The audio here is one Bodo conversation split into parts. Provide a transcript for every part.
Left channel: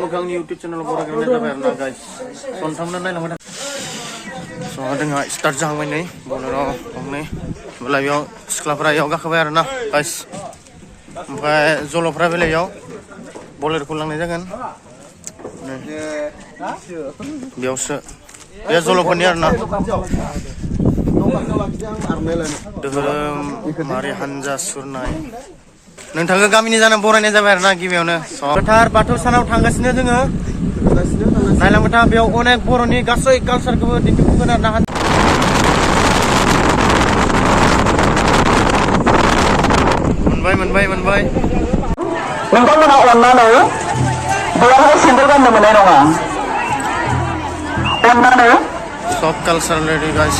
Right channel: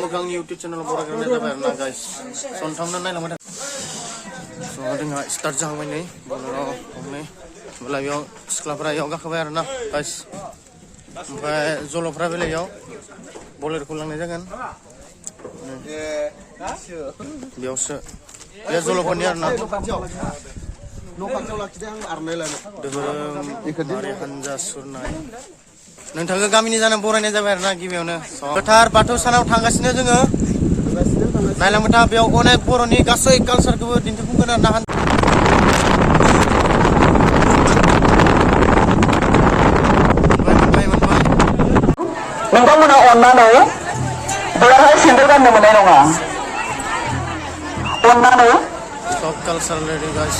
मोखांनि YouTube channel बरायग्रानो जाबाय आरोना गाइस सनथामना नायलांबाय था स' जोंहा स्टार्ट जाहांबाय नै बलराव गंनै होमब्ला बेयाव सिख्लाफोरा बेयाव गाखोबाय आरोना गाइस ओमफ्राय जल'फ्रा बेलायाव बलेरखौ लांनाय जागोन बेयावसो बे जल'फोरनि आरोना धोरोमारि हानजा सुरनाय नोंथांखौ गामिनि जाना बरायनाय जाबाय आरोना गिबियावनो गोथार बाथौ सानाव थांगासिनो जोङो नायलांबाय था बेयाव अनेक बर'नि गासै कालसारखौबो दिन्थिफुंगोन आरोना मोनबाय नोंथांमोना अननानै बेवहाय सेन्देल गाननो मोननाय नङा अननानै सब कालसार रेडि गाइस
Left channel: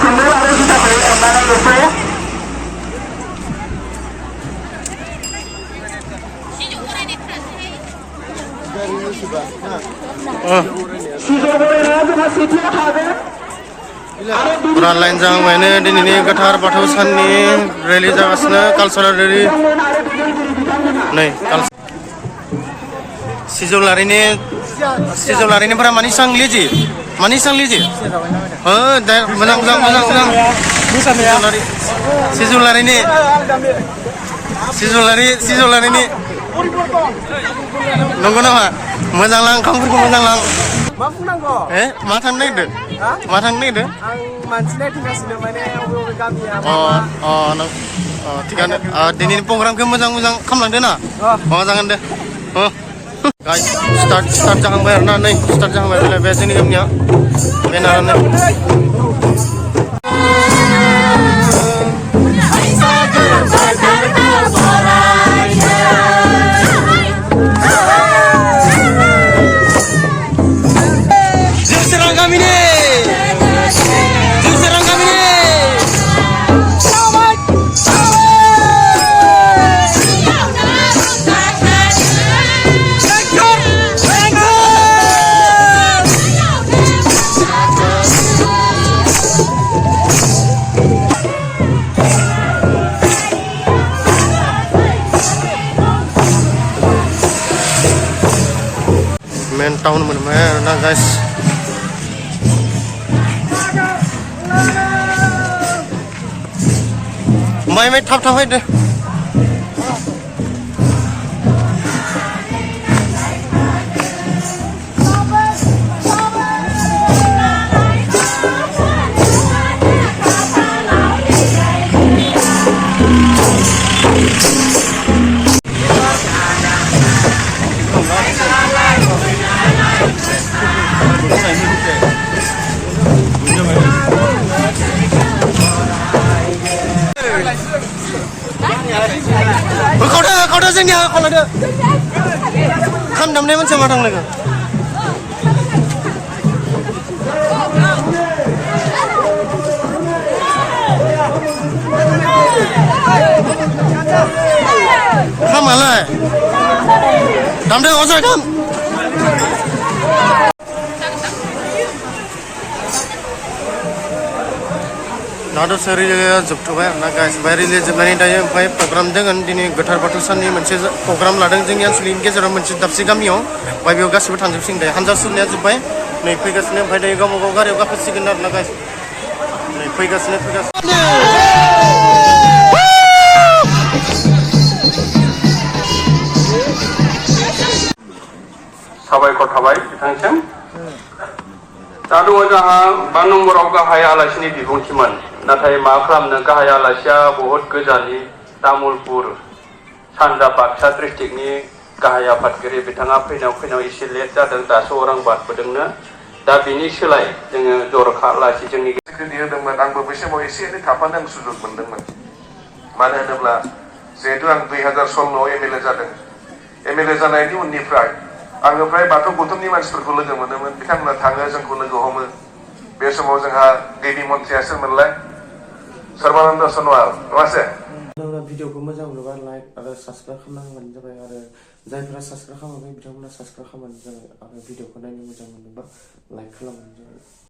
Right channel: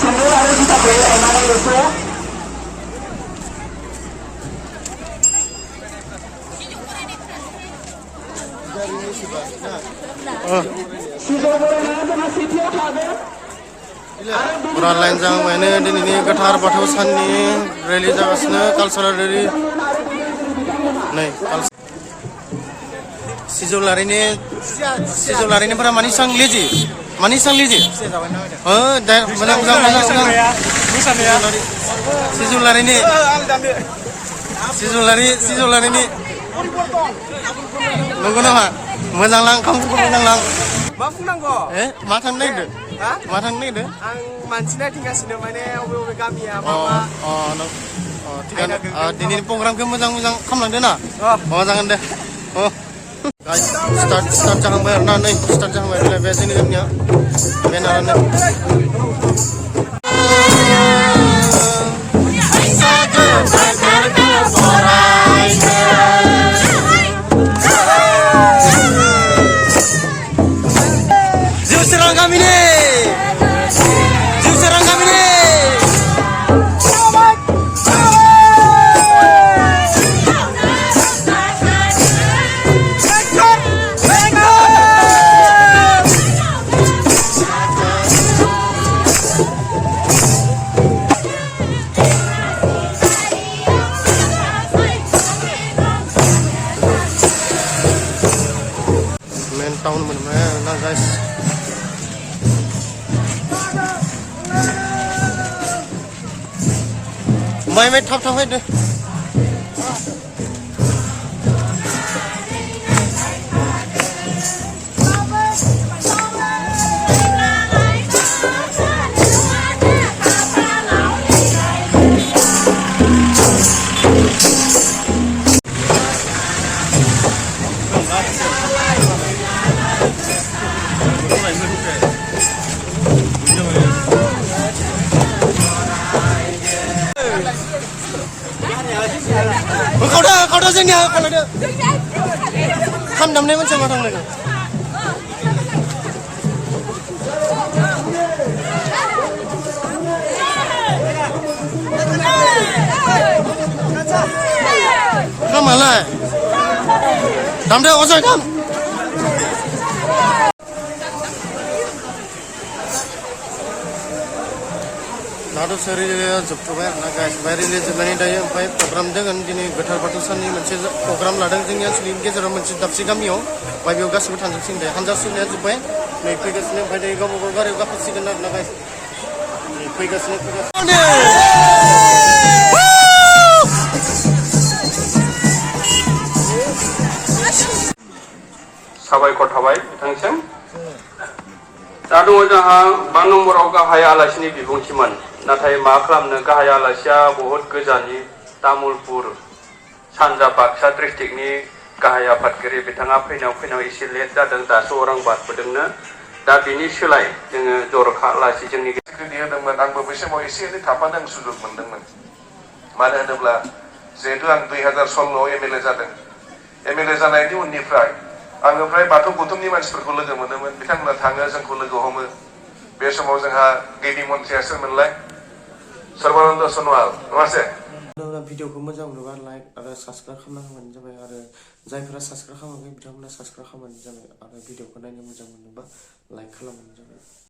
सेन्देल आरो जुथाखौ अननानै बेखौ पुरा लाइन जाहांबायनो दिनैनि गोथार बाथौ साननि रेलि जागासिनो कालसारेल रेलि नै सिजौलारिनिफोरा मानि सांलिजि हो दे मोजां सिजौलारिनि नंगौ नामा मोजां लां ओंखामफोरखौ मोजां लां मा बुंनांगौ मा थांनो नागिरदों आं मानसि नायथिंगासिनो माने अबे गामिया थिगानो दिनैनि प्रग्रामखौ मोजां खालामलांदो ना जागोन दे गाइस स्टार्ट जाहांबाय आरोना नै स्टार्ट जाहांबाय बे जोंनि गामिया बेनानो main town bener-bener nah guys main thap aja deh kau dah sini kalau ada kan damai macam orang lagi kamu malah damai osoi dam Nado seri जोबथ'बाय आरोना गाइस ओमफ्राय रिलि जोबनानै दायो ओमफ्राय प्रग्राम दोङो दिनै गोथार बाथौ साननि मोनसे प्रग्राम लादों जोंनि ओनसोलनि गेजेराव मोनसे दाबसे गामियाव ओमफ्राय बेयाव गासिबो थांजोबसिगोन दायो हानजा सुरनाया जोब्बाय नै फैगासिनो ओमफ्राय दायो गावबा गाव गारियाव गाखोसिगोन आरोना गाइस नै फैगासिनो साबायखर थाबाय बिथांनिसिम दा दङ जोंहा 5 नम्बराव गाहाय आलासिनि बिबुंथिमोन नाथाय मा खालामनो गाहाय आलासिया बहुत गोजाननि तामुलपुर सानजा बाक्सा डिस्ट्रिक्टनि गाहाय आफादगिरि बिथाङा फैनायाव एसे लेट जादों दासो अरां बारबोदोंनो दा बिनि सोलाय जोङो जर'खा आलासि जोंनि स्क्रिप्ट होदोंमोन आंबो बै समाव एसे एनै थाफानो सुजुग मोनदोंमोन मानो होनोब्ला जिहेतु आं 2016 एमएलए जादों एमएलए जानायनि उननिफ्राय आङो फ्राय बाथौ गौतमनि मानसिफोरखौ लोगो मोनोमोन बिथांमोना थाङो जोंखौ लोगो हमो बे समाव जोंहा गिबि मन्थ्रियासो मोनलाय सर्बानन्द सन'वाल नङासे भिडिअखौ मोजां मोनोबा लाइक आरो साबस्क्राइब खालामनांगौनो जाबाय आरो जायफोरा साबस्क्राइब खालामाखै बिथांमोना साबस्क्राइब खालामबानो जाबाय आरो भिडिअखौ नायनो मोजां मोनोबा लाइक खालामबानो जाबाय